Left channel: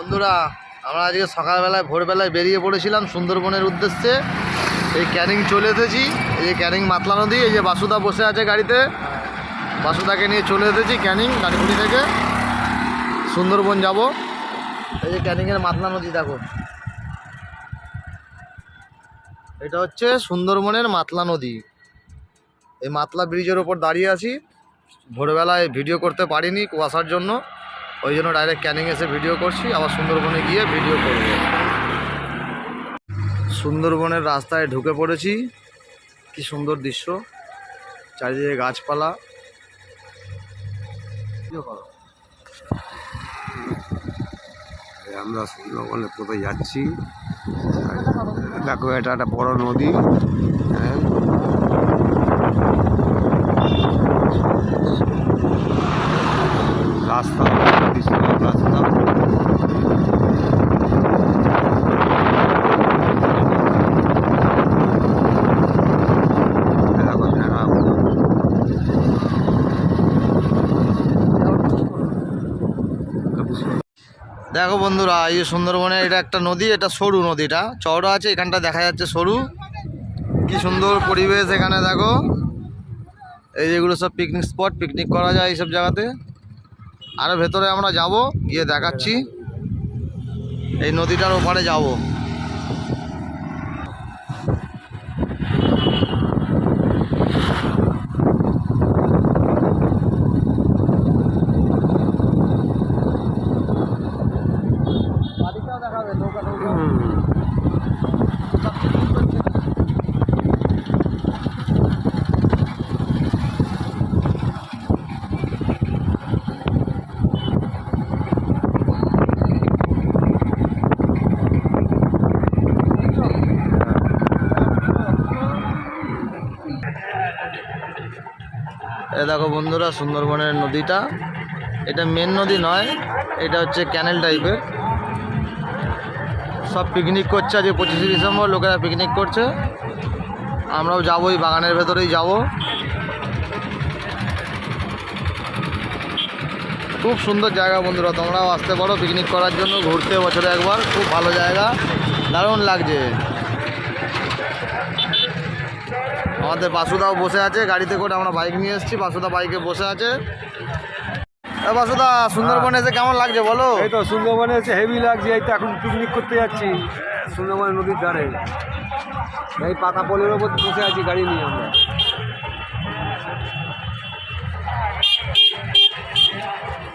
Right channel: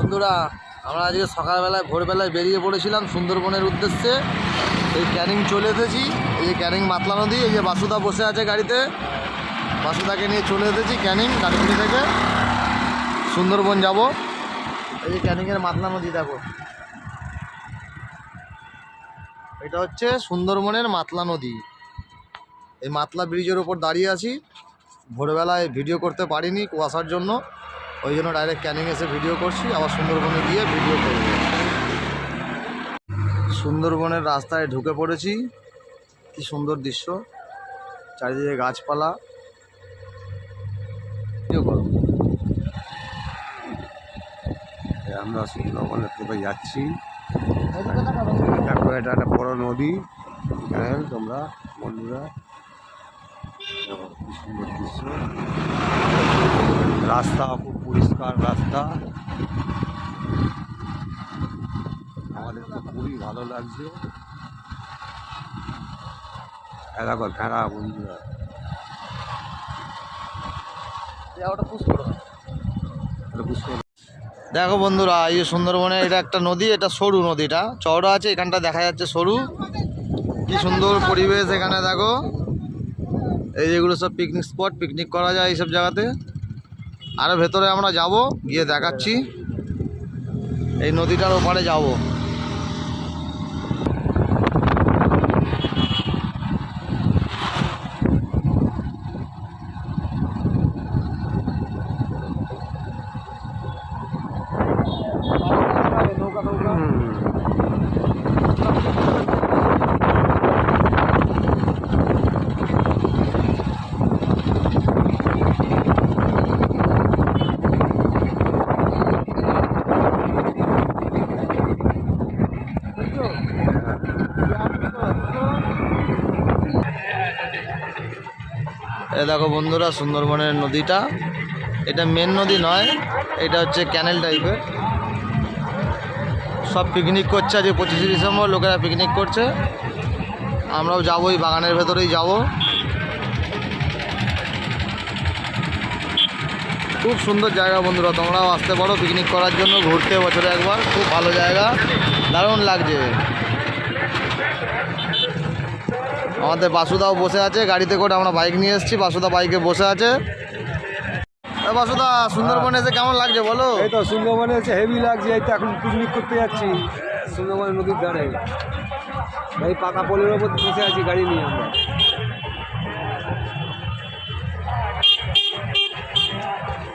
বন্ধুরা, আমরা আজকে সকালবেলায় ভোরবেলায় বেরিয়ে পড়েছিলাম সুন্দরবনের উদ্দেশ্যে। এই ক্যানিং চলে এসেছি। এই যে ক্যানিং মাতলা নদী, এই যে বাসুদা বসে আছে গাড়িতে, বাসুদাকে নিয়ে চলে এসেছি ক্যানিং ডানকুনি থেকে সুন্দরবন যাব। এই যে ক্যানিংয়ের মাতলা নদী দেখো, এটা হচ্ছে সুন্দরবনের মাতলা নদী। এই মাতলা ব্রিজের ওপর দাঁড়িয়ে আছি। ভোরবেলায় ভিডিও করতে পারিনি কুয়াশার জন্য, ওই জন্য ডাইরেক্ট ক্যানিং এসে ভিডিও করছি, আবার সুন্দরবনে গিয়ে ভিডিও করব। সুন্দরবনের রাস্তায় ঢুকে পড়েছি। কি সুন্দর দৃশ্য, চারিদিকে গাছপালা। আমরা সুন্দরবনে কোথায় যাচ্ছি দেখো, এটা একটা বড় নদী। হ্যাঁ, তোমরা রাস্তা বিশাল রাস্তা। দেখো ভেড়া, দেখো বন্ধুরা, এই যে সুন্দরবনে এটা একটা নদী, এটা সরু নদীটা, চওড়া আছে, এখানটা দেখা যাচ্ছে সরু। কি সুন্দর পরিবেশ এখানে দেখো। এই যেগুলো সব পিকনিক স্পট, পিকনিক করা যায় এইসব জায়গাতে। আরও ভেতরে আমরা যাব, গিয়ে দেখাচ্ছি। এই নদীটার ওপারে যাব। এ দেখো বন্ধুরা, সুন্দরবনের নদীটা, এটা মেন নদী নয়, এটা হচ্ছে ক্যানেল টাইপের। সব পিকনিক করছে আজকে 25শে ডিসেম্বর, লোকেরা পিকনিক করছে। আমরাও যাবো, এই বাগানের ভেতরেই যাব। খুব সুন্দর জায়গা বন্ধুরা, তোমরাও আসতে পারো পিকনিক করার জন্য, ঘুরতে বছরে একবার। খুব ভালো জায়গা, দারুণ লাগছে। আমাদের বাসুদাও বসে আছে গাড়িতে করে, আমরা বাইক নিয়ে এসেছি, বাসুদা বাইকে বসে আছে। বাসুদা, সুন্দরবনে এসে কেমন লাগছে বলো? এই তো সুন্দরবনে এসে হেভি লাগছে। এই তো এখন পিকনিক করতে যাচ্ছি সুন্দরবনের নদীর ধারে। এই পাকা পোলের ওপর বসে আছি গাড়ি নিয়ে আমরা।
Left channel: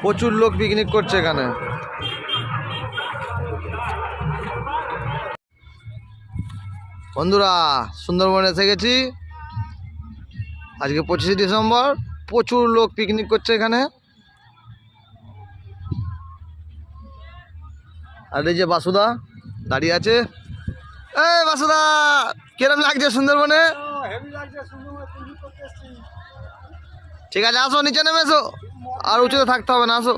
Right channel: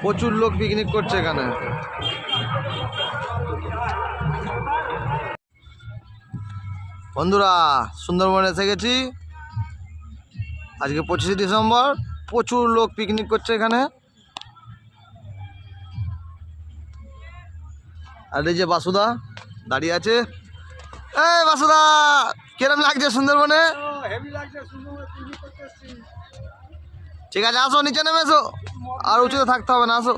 প্রচুর লোক পিকনিক করছে এখানে। বন্ধুরা, সুন্দরবনে এসে গেছি। আজকে 25শে ডিসেম্বর, প্রচুর লোক পিকনিক করছে এখানে। আর এই যে বাসুদা দাঁড়িয়ে আছে। এই বাসুদা, কিরম লাগছে সুন্দরবনে? ঠিক আছে, আসো নিচে নেমে এসো, আর উঁচুতে থাকতে হবে না, আসো।